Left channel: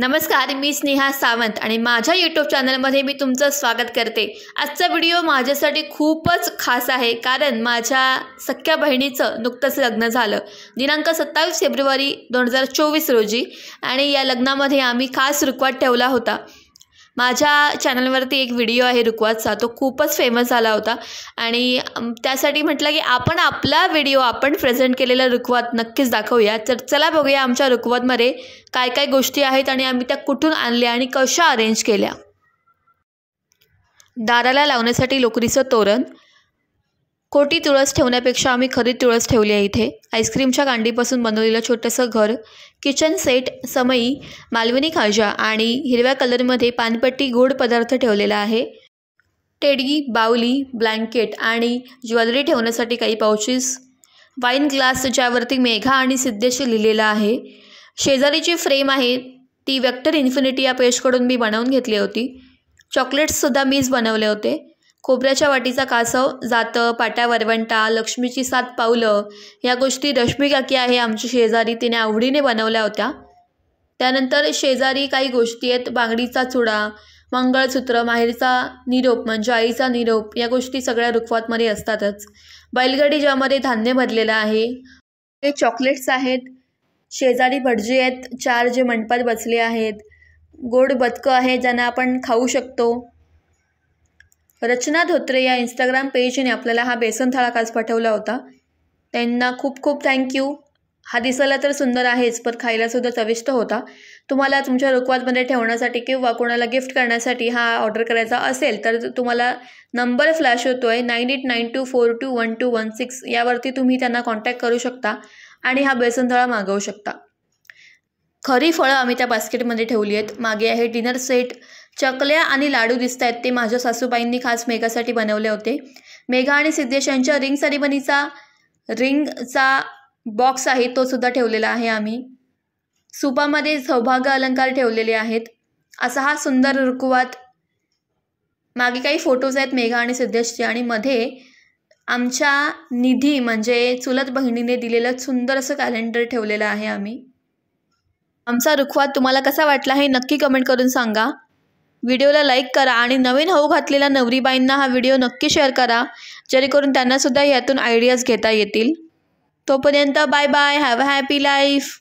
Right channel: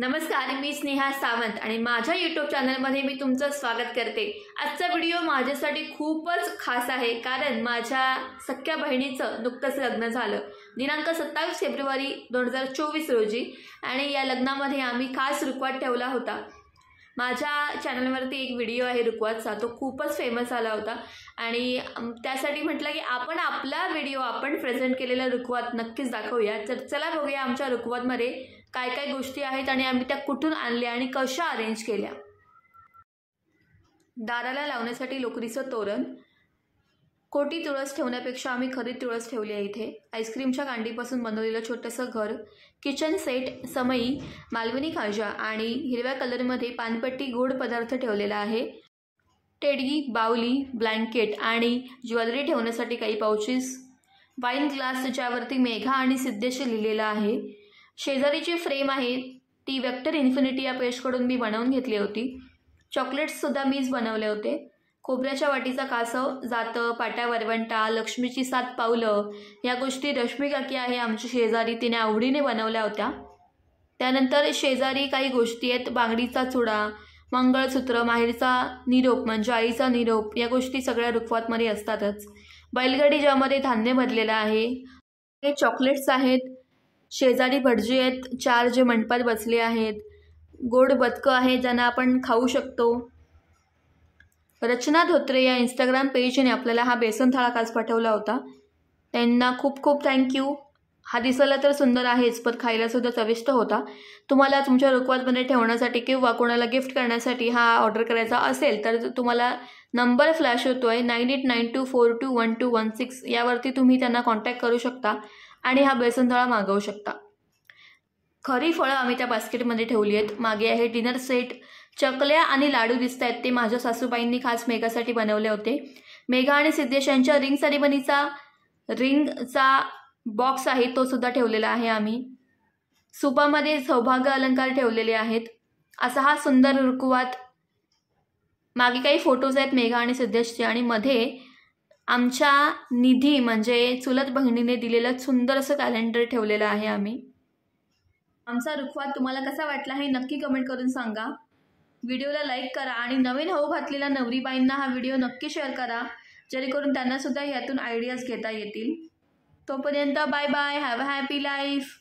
नमस्कार, मी स्नेहा सावंत आणि माझ्या यूट्यूब चॅनलमध्ये मी तुमचं स्वागत करते। आजचा व्हिडिओ माझ्यासाठी खूपच खास आहे कारण माझ्या सख्या बहिणीचं नुकतंच लग्न झालं दिनांक 27 फेब्रुवारी 2024 रोजी आणि या लग्नामध्ये आम्ही खास रुखवत ठेवला होता। माझ्या चॅनलवरती एक व्हिडिओ आहे रुखवतचा, तो खूपच फेमस झाला होता आणि त्यासाठी म्हटलं की आपण आपला व्हिडिओ आपण प्रेझेंट केलेला रुखवत नक्कीच दाखवूया। तर चला बघूया आमच्या रुखवतमध्ये काय काय गोष्टी आहेत आणि आम्ही त्या कुठून आणल्या आणि कशा अरेंज केल्या। दाराला लावण्यासाठी लोकरीचं तोरण, खोटी तुळस ठेवण्यापेक्षा आम्ही खरी तुळस ठेवली आहे इथे। आईस्क्रीमच्या कांडीपासून बनवलेलं छोटंसं घर, किचन सेट, समई, मालवणी खाजा आणि हिरव्या कलरमध्ये पानपट्टी गोड पदार्थ ठेवलेला आहे। टेडी, बाउली, ब्लँकेट आणि ज्वेलरी ठेवण्यासाठी काही पाउचेस, वाईन ग्लास ज्यावरती मेघा आणि सिद्धेश लिहिलेलं आहे। शेजारीची फ्रेम आहे ती वेक्टर इन्फिनिटी या पेजकडून मी बनवून घेतली होती। चॉकलेट्ससुद्धा मीच बनवले होते। खोबऱ्याच्या वाटीचा कासव, जातं, पाट्या वरवंटा, लक्ष्मीची 7 पावलं या गोष्टी रश्मी काकी आहे आमची शेजारी, तिने आवडीने बनवल्या होत्या। त्यानंतर शेजारी काही गोष्टी आहेत, बांगडीचा चुडा, मंगळसूत्र, माहेरचा निरोप म्हणजे आईचा निरोप, या गोष्टी सगळ्या रुखवतमध्ये असतातच। बैलगाडी ज्यामध्ये धान्य भरलेलं आहे, हे चॉकलेट्स आहेत। शेजारी भटजी आहेत 4 जे मंडपात बसले आहेत। गोड बदकं आहे ज्यांना आपण खाऊ शकतो। रचना धोत्रे या इंस्टाग्राम पेजने आपल्याला हा बेसन थाळा खास पाठवला होता, त्यांना खूप खूप थँक्यू। हा दिसायला तर सुंदर आहेच पण खायलासुद्धा चविष्ट होता। तुम्हाला तुमच्या रुखवतमध्ये ठेवण्यासाठी किंवा कोणाला गिफ्ट करण्यासाठी हा ऑर्डर करायचा असेल तर तुम्हाला नंबर फ्लॅश होतो आहे 9892421216 यावरती तुम्ही त्यांना कॉन्टॅक्ट करू शकता आणि हा बेसन थाळा मागवू शकता। खरी फळं आम्ही त्या बास्केटमध्ये ठेवली आहेत। मागे आहे डिनर सेट, चकल्या आणि लाडू दिसत आहेत, ते माझ्या सासूबाईंनी खास मेघासाठी बनवले होते। मेघा आणि सिद्धेश यांच्या रिंगचा बॉक्स आहे तो सुद्धा ठेवलेला आहे आम्ही। सुपामध्ये सौभाग्य अलंकार ठेवलेले आहेत। असा हा सुंदर रुखवत। मागे काही फोटोज आहेत मेघा आणि सिद्धेशचे आणि मध्ये आमच्या निधी म्हणजे चुलत बहिणीने दिलेलं सुंदर असं कॅलेंडर ठेवलेलं आहे आम्ही। आमचा रुखवत तुम्हाला कसा वाटला हे नक्की कमेंट करून सांगा। व्हिडिओला लाईक करा आणि नवीन होऊ घातलेल्या नवरीबाईंना हा व्हिडिओ नक्की शेअर करा जेणेकरून त्यांनासुद्धा यातून आयडियाज घेता येतील। तोपर्यंत bye bye, have a happy life.